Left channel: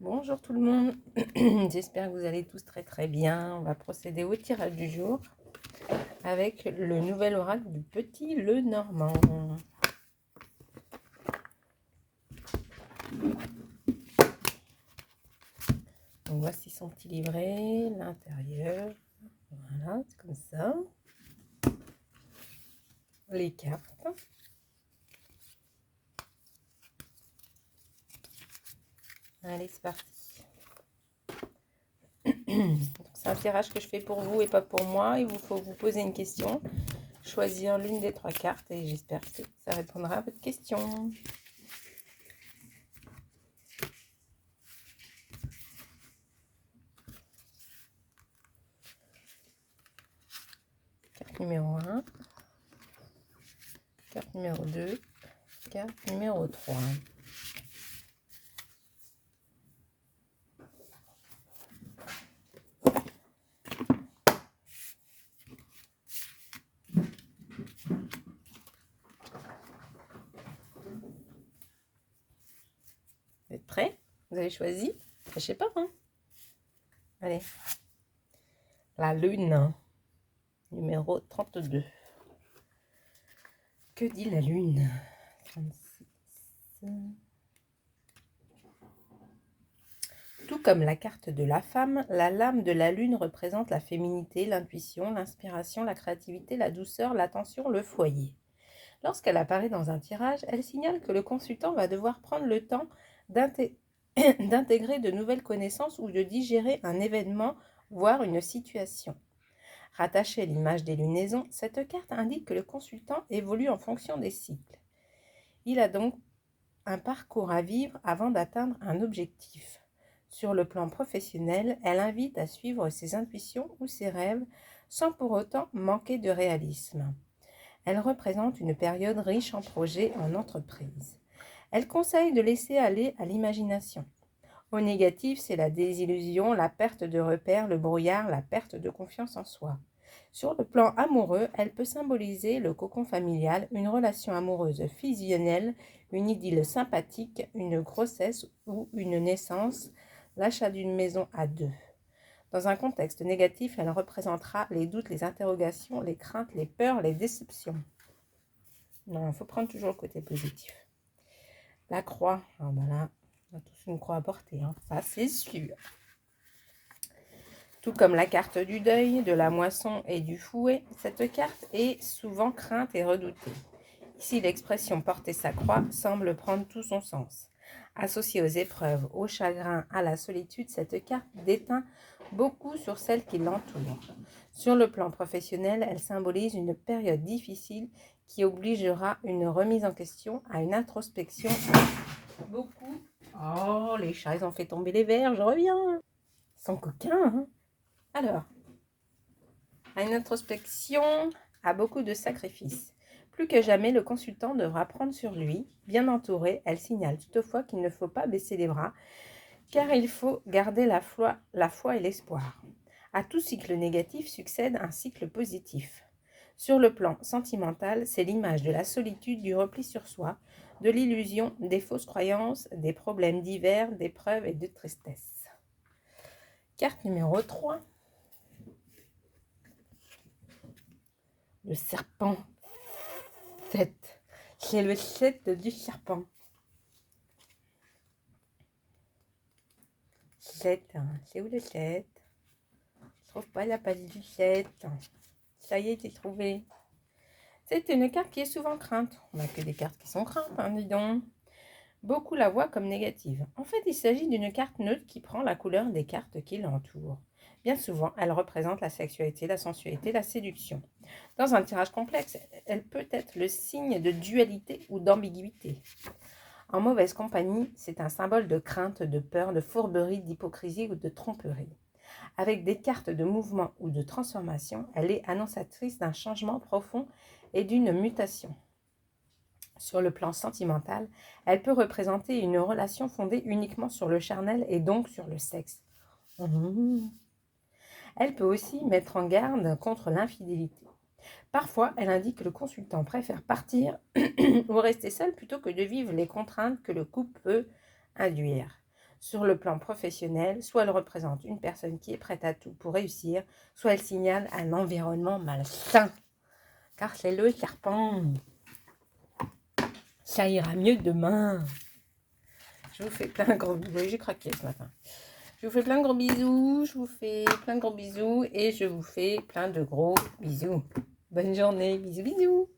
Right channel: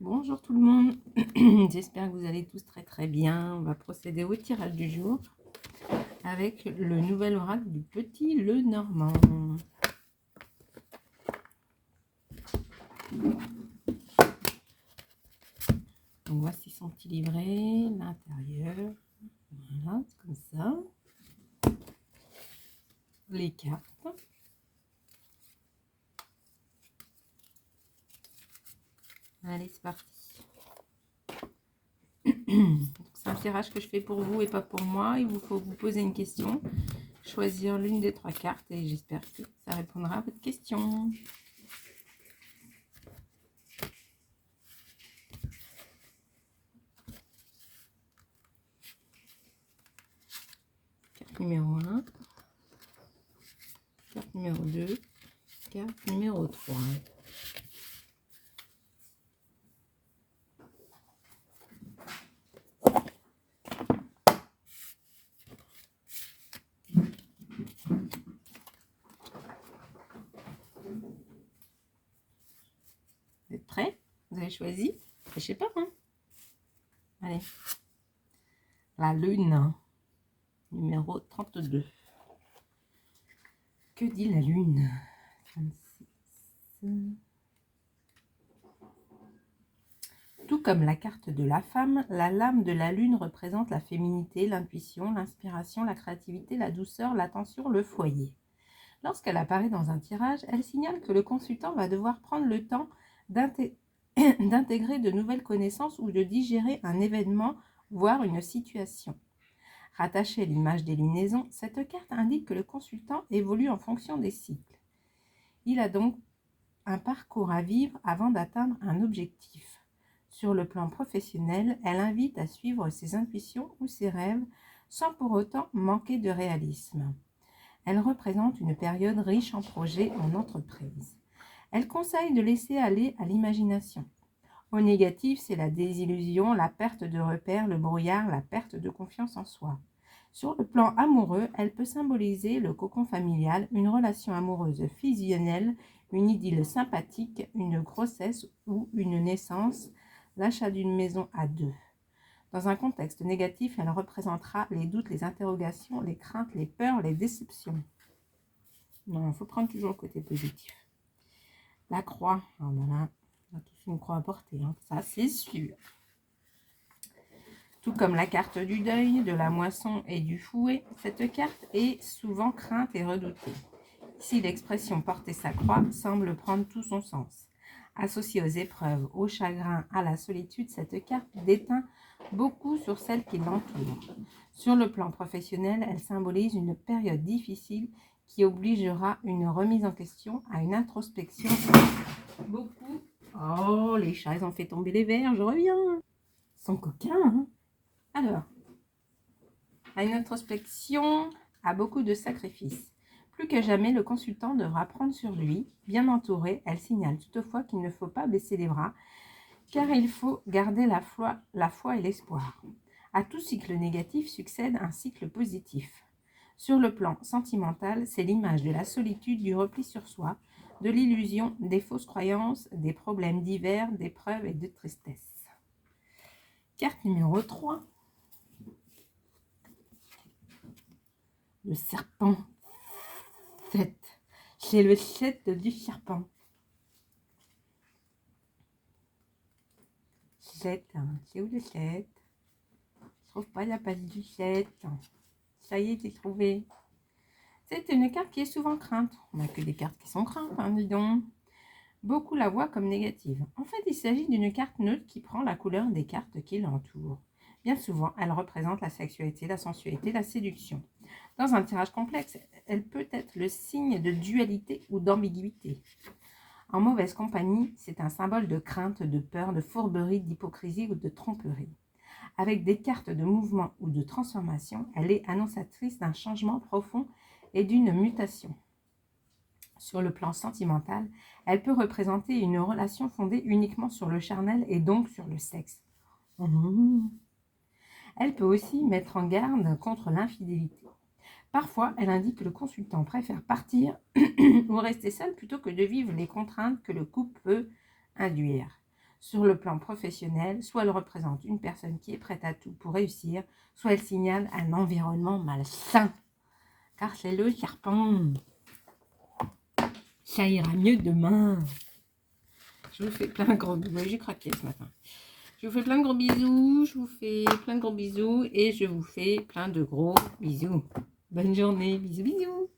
Bonjour tout le monde, j'espère que vous allez tous très bien. On va procéder au tirage du jour avec le nouvel oracle du Petit Lenormand. Donc voici son petit livret, l'intérieur, voilà, c'est comme ça. Les cartes. Allez, c'est parti. C'est un tirage que je fais pour vous et pas pour moi. Il faut vous poser une question, choisir l'une des trois cartes et j'espère que ça répondra à votre question. Carte numéro 1, carte numéro 2, carte numéro 3. Vous êtes prêts? Vous avez choisi? Je sais pas, hein? Allez. La lune, numéro 32. Que dit la lune? 36. Tout comme la carte de la femme, la lame de la lune représente la féminité, l'intuition, l'inspiration, la créativité, la douceur, l'attention, le foyer. Lorsqu'elle apparaît dans un tirage, elle signale que le consultant va devoir prendre le temps d'intégrer de nouvelles connaissances ou de digérer un événement, voire une situation. Rattachée à l'image des lunaisons, cette carte indique que le consultant évolue en fonction des cycles. Il a donc un parcours à vivre avant d'atteindre un objectif. Sur le plan professionnel, elle invite à suivre ses intuitions ou ses rêves sans pour autant manquer de réalisme. Elle représente une période riche en projets en entreprise. Elle conseille de laisser aller à l'imagination. Au négatif, c'est la désillusion, la perte de repères, le brouillard, la perte de confiance en soi. Sur le plan amoureux, elle peut symboliser le cocon familial, une relation amoureuse fusionnelle, une idylle sympathique, une grossesse ou une naissance, l'achat d'une maison à deux. Dans un contexte négatif, elle représentera les doutes, les interrogations, les craintes, les peurs, les déceptions. Non, il faut prendre toujours le côté positif. La croix, voilà, on a tous une croix à porter, hein, ça c'est sûr. Tout comme la carte du deuil, de la moisson et du fouet, cette carte est souvent crainte et redoutée. Ici, l'expression porter sa croix semble prendre tout son sens. Associée aux épreuves, au chagrin, à la solitude, cette carte déteint beaucoup sur celle qui l'entoure. Sur le plan professionnel, elle symbolise une période difficile qui obligera une remise en question, à une introspection. Beaucoup. Oh, les chats, ils ont fait tomber les verres, je reviens. Ils sont coquins, hein? Alors, à une introspection, à beaucoup de sacrifices. Plus que jamais, le consultant devra prendre sur lui. Bien entouré, elle signale toutefois qu'il ne faut pas baisser les bras, car il faut garder la foi et l'espoir. À tout cycle négatif succède un cycle positif. Sur le plan sentimental, c'est l'image de la solitude, du repli sur soi, de l'illusion, des fausses croyances, des problèmes divers, d'épreuves et de tristesse. Carte numéro 3. Le serpent. 7. C'est le 7 du serpent. 7. C'est où le 7? Je trouve pas la page du 7. Ça y est, j'ai trouvé. C'est une carte qui est souvent crainte. On n'a que des cartes qui sont craintes, hein, dis donc. Beaucoup la voient comme négative. En fait, il s'agit d'une carte neutre qui prend la couleur des cartes qui l'entourent. Bien souvent, elle représente la sexualité, la sensualité, la séduction. Dans un tirage complexe, elle peut être le signe de dualité ou d'ambiguïté. En mauvaise compagnie, c'est un symbole de crainte, de peur, de fourberie, d'hypocrisie ou de tromperie. Avec des cartes de mouvement ou de transformation, elle est annonçatrice d'un changement profond et d'une mutation. Sur le plan sentimental, elle peut représenter une relation fondée uniquement sur le charnel et donc sur le sexe. Elle peut aussi mettre en garde contre l'infidélité. Parfois, elle indique que le consultant préfère partir ou rester seul plutôt que de vivre les contraintes que le couple peut induire. Sur le plan professionnel, soit elle représente une personne qui est prête à tout pour réussir, soit elle signale un environnement malsain. Car c'est le serpent. Ça ira mieux demain. Je vous fais plein de gros bisous. J'ai craqué ce matin. Je vous fais plein de gros bisous. Je vous fais plein de gros bisous. Et je vous fais plein de gros bisous. Bonne journée. Bisous, bisous.